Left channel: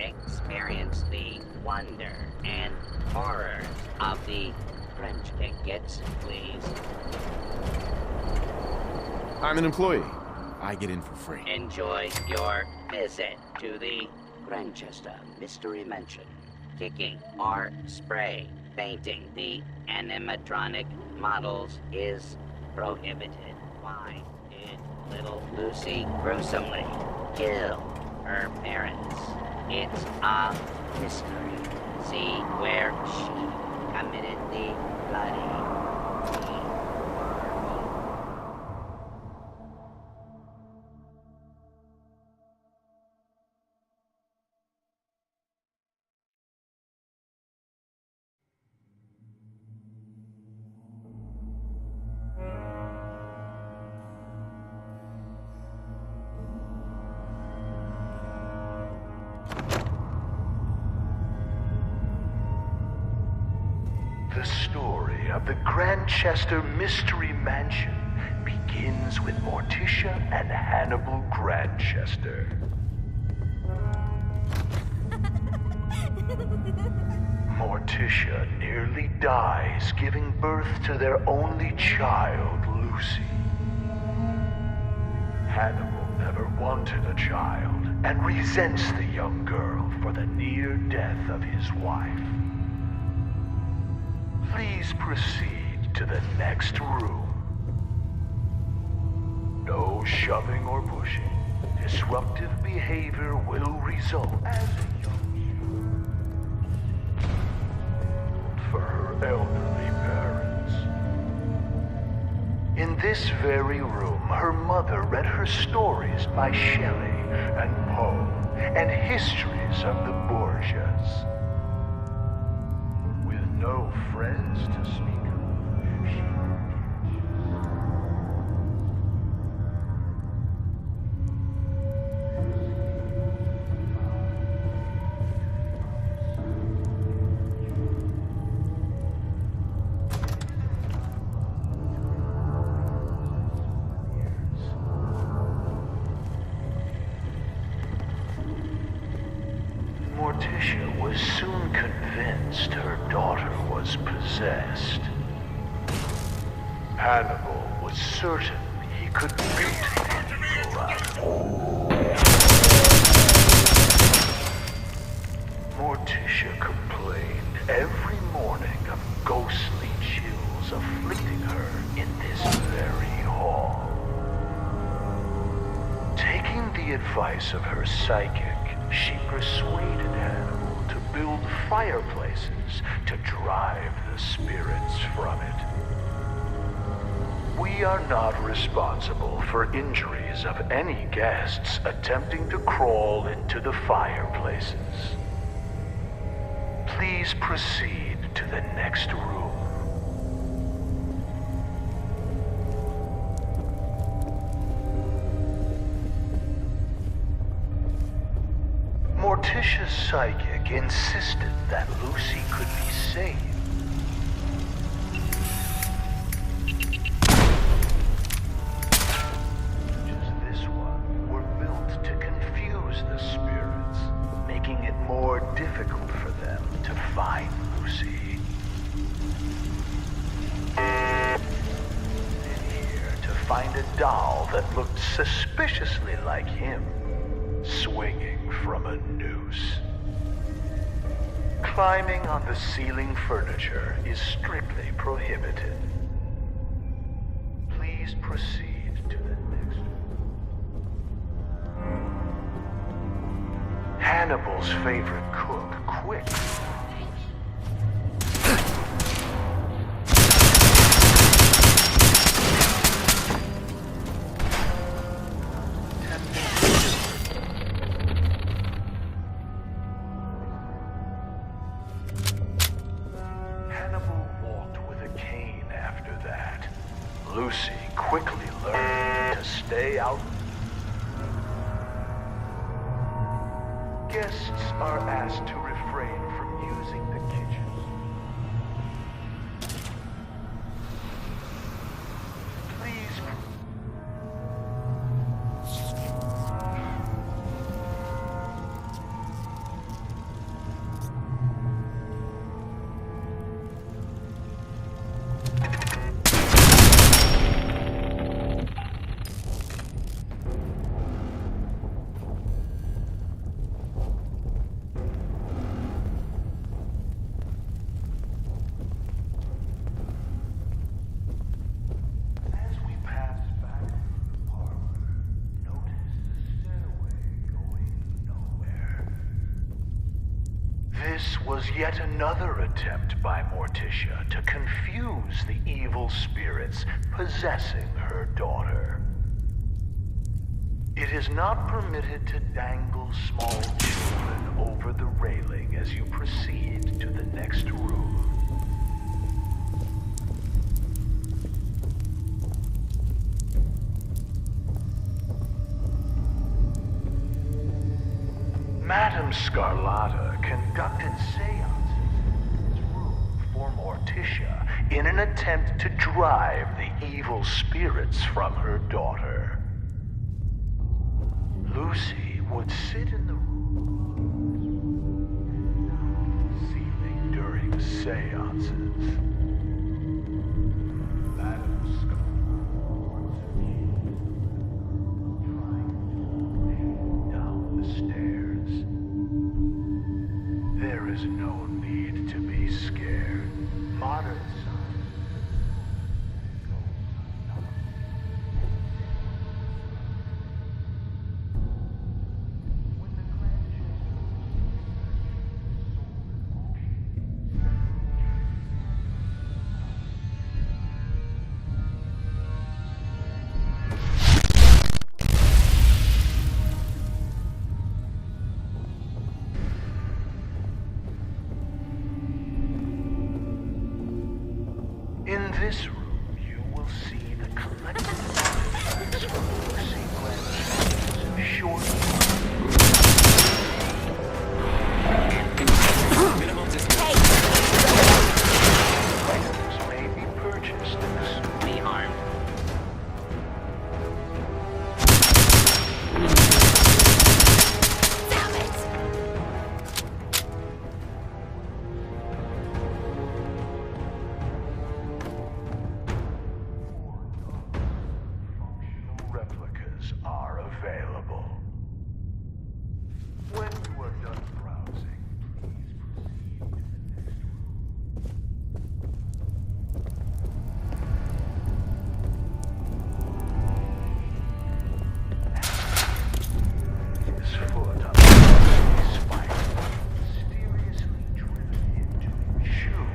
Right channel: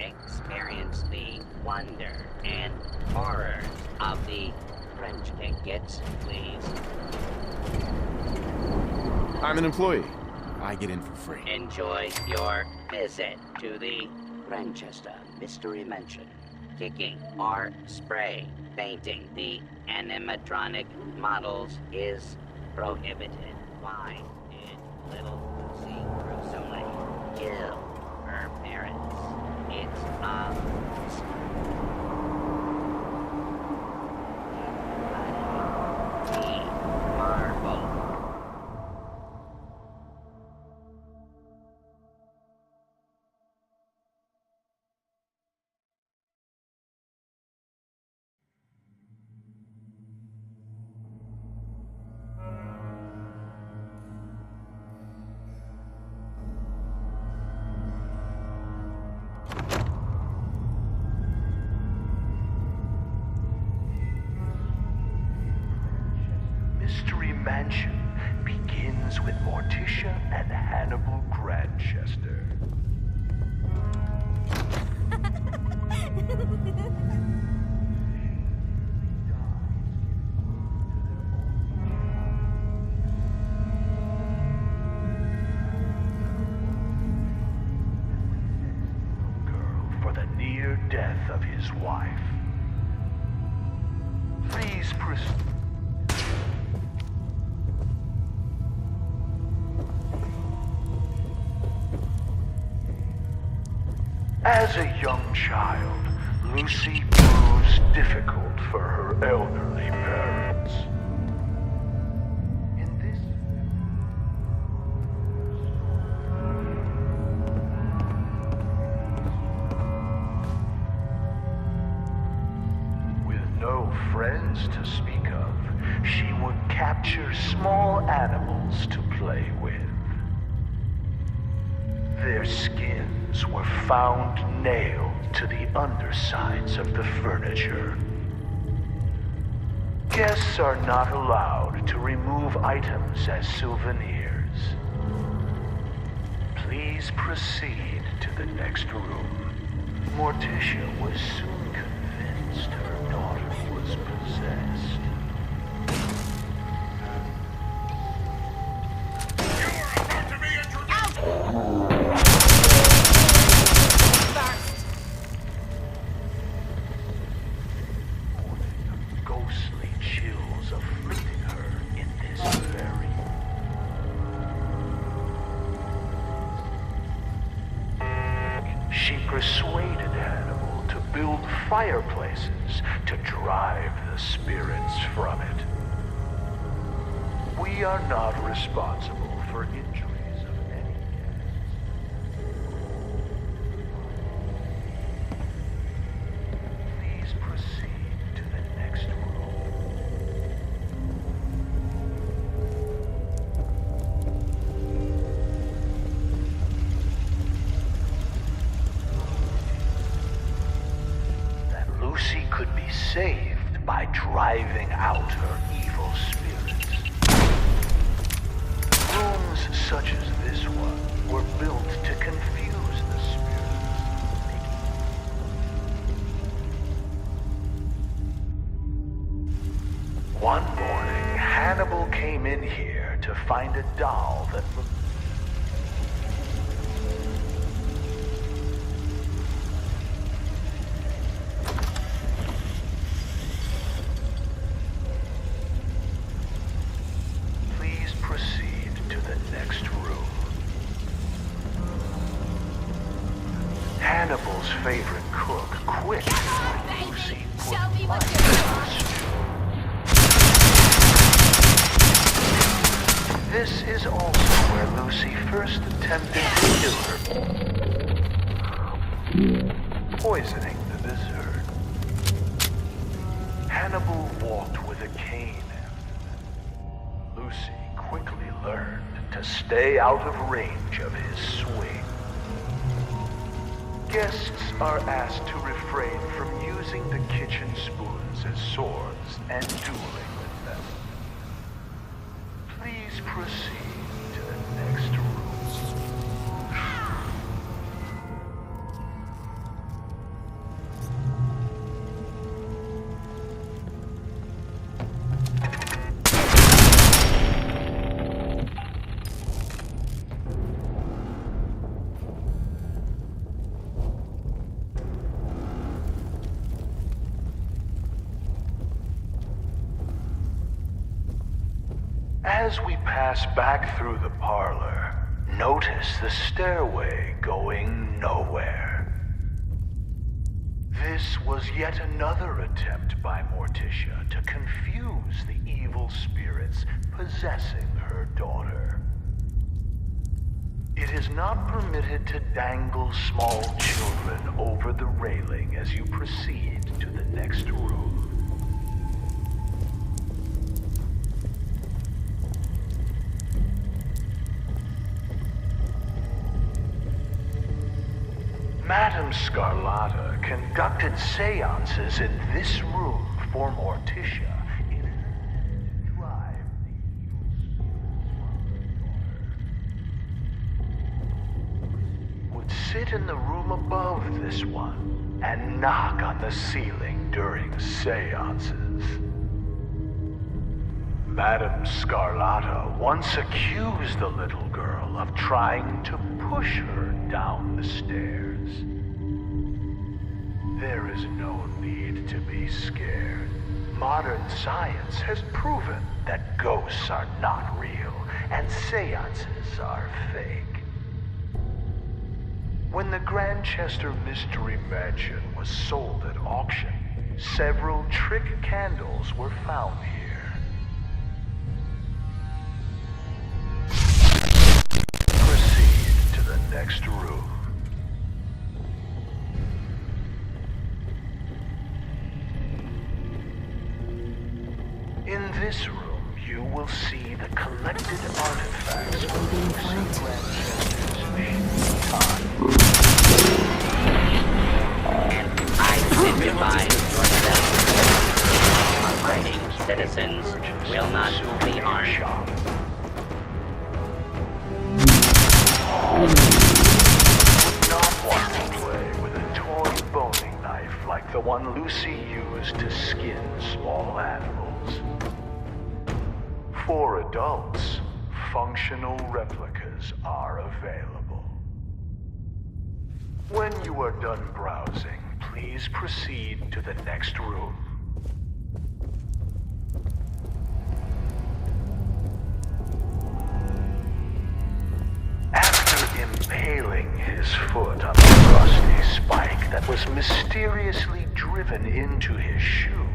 experience the wonder and horrors of the French tickets, please. I'm an employee. I get in for free. Enjoy your visit to the Grantchester Mystery Mansion. Kicking or spray painting the animatronic models is prohibited. Why did little Lucy gruesomely kill her parents? It's a mystery. See where she committed the bloody deed. Marvel. The story of the Grantchester Mystery Mansion begins with Morticia and Hannibal Grantchester. Morticia nearly dies giving birth to their only child, Lucy. Hannibal never wanted a child and resents the young girl for the near death of his wife. Please proceed to the next room. No shoving or pushing. Disruptive behavior will result. As a young child, Lucy proves difficult for her elderly parents. In this very room, her mother read her stories by Shelley and Poe and histories of the Borgias. With no friends to speak of, she would capture small animals to play with. Their skins were found nailed to the undersides of the furniture. Guests are not allowed to remove items as souvenirs. Please proceed to the next room. Morticia was soon convinced her daughter was possessed. Hannibal was certain he could Morticia complained every morning of ghostly chills afflicting her in this very hall. Taking the advice of her psychic, she persuaded Hannibal to build fireplaces to drive the spirits from it. We are not responsible for injuries of any guests attempting to crawl into the fireplaces. Please proceed to the next room. Morticia's psychic insisted that Lucy could be saved by driving out her evil spirits. Rooms such as this one were built to confuse the spirits, making it more difficult for them to find Lucy. One morning, Hannibal came in here to find a doll that looked suspiciously like him, swinging from a noose. Climbing on the ceiling furniture is strictly prohibited. Please proceed to the next room. Hannibal's favorite cook quit when Lucy put This is also where Lucy first attempted to kill her, poisoning the dessert. Hannibal walked with a cane after that. Lucy quickly learned to stay out of range of his swing. Guests are asked to refrain from using the kitchen spoons as swords and dueling with them. Please proceed to the next room. As we pass back through the parlor, notice the stairway going nowhere. This was yet another attempt by Morticia to confuse the evil spirits possessing her daughter. It is not permitted to dangle small children over the railing as you proceed to the next room. Madame Scarlata conducted seances in this room for Morticia in an attempt to drive the evil spirits from her daughter. Lucy would sit in the room above this one and knock on the ceiling during seances. Madame Scarlata once accused the little girl of trying to push her down the stairs. There is no need to be scared. Modern science has proven that ghosts are not real and seances are fake. When the Grantchester Mystery Mansion was sold at auction, several trick candles were found here. Proceed to the next room. In this room, you will see the collected artifacts from Lucy Grantchester's short time. Citizens will not be harmed. With a toy boning knife like the one Lucy used to skin small animals. For adults, functional replicas are available. When you are done browsing, please proceed to the next room. After impaling his foot on the rusty spike that was mysteriously driven into his shoe,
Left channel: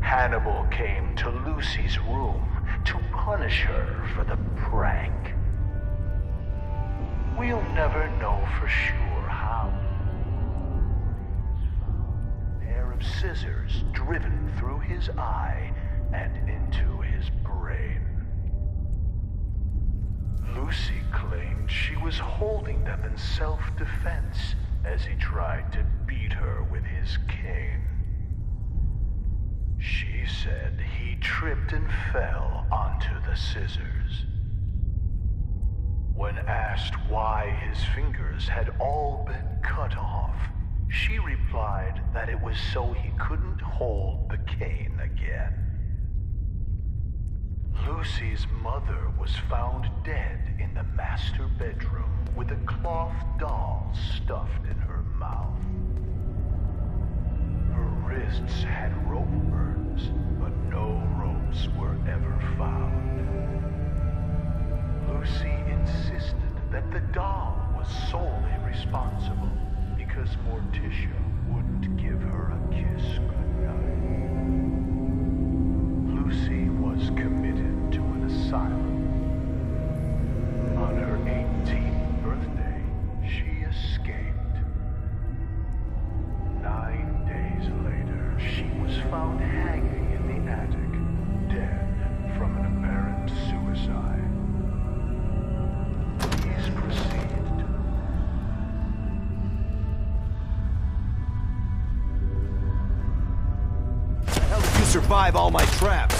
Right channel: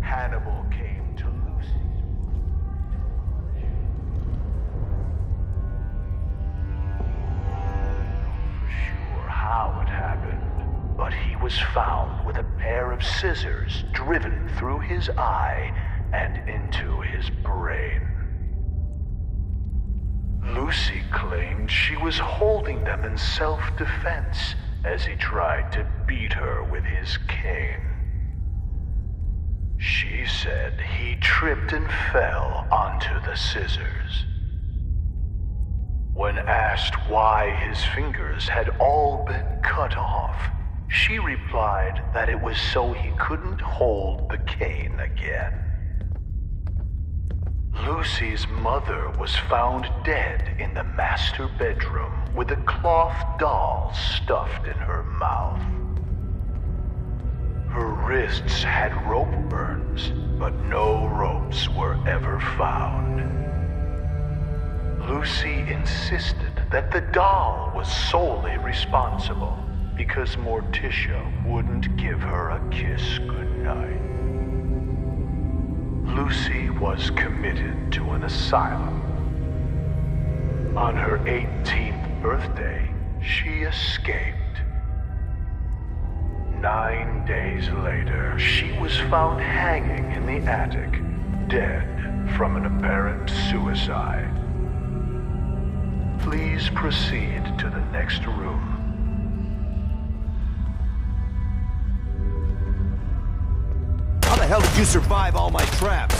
Hannibal came to Lucy's room to punish her for the prank. We'll never know for sure how it happened, but he was found with a pair of scissors driven through his eye and into his brain. Lucy claimed she was holding them in self-defense as he tried to beat her with his cane. She said he tripped and fell onto the scissors. When asked why his fingers had all been cut off, she replied that it was so he couldn't hold the cane again. Lucy's mother was found dead in the master bedroom with a cloth doll stuffed in her mouth. Her wrists had rope burns, but no ropes were ever found. Lucy insisted that the doll was solely responsible because Morticia wouldn't give her a kiss goodnight. Lucy was committed to an asylum. On her 18th birthday, she escaped. 9 days later, she was found hanging in the attic, dead from an apparent suicide. Please proceed to the next room. How the hell did you survive all my traps?